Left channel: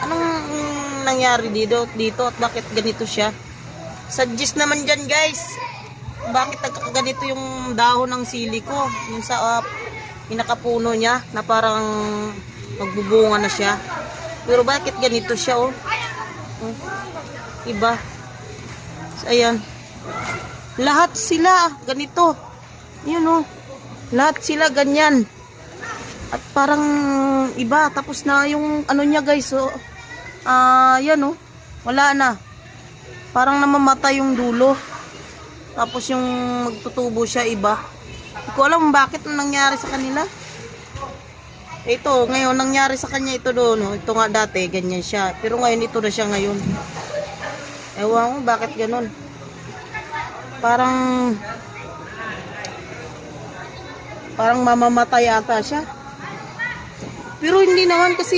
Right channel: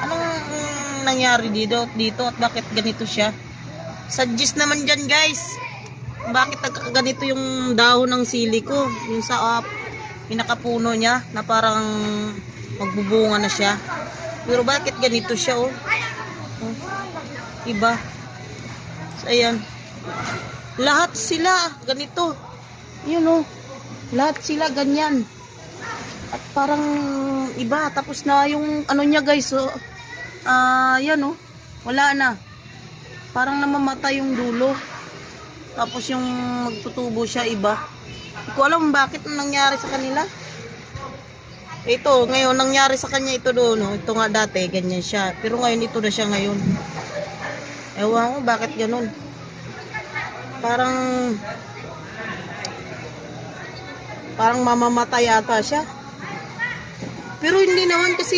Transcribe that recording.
Anong nangyari dito at bakit ganito siya? Suggest naman dyan guys. Bakit ganito yung dahon ng sili ko? Yung sa pinakapuno niya na parang magbubunga na siya. Pero bakit ganito siya oh? Diba? So, ayan. Lahat sila ganito. Yun oh. Lahat sila ganyan. At parang iba, tapos na yung ano niya guys, so, yan oh, wala na. Parang namamatay yung dulo. Tapos yung magtutubo siya iba. Hindi ko alam bakit nangyari sa kanila. Ito, ngayon, nangyari sa kanya ito doon. Ito nga dati, ganyan siya. Pero ngayon, ito na siya ngayon. Ewan ko, bakit ganun? Parang mamamatay ata siya. Pero hindi naman kasi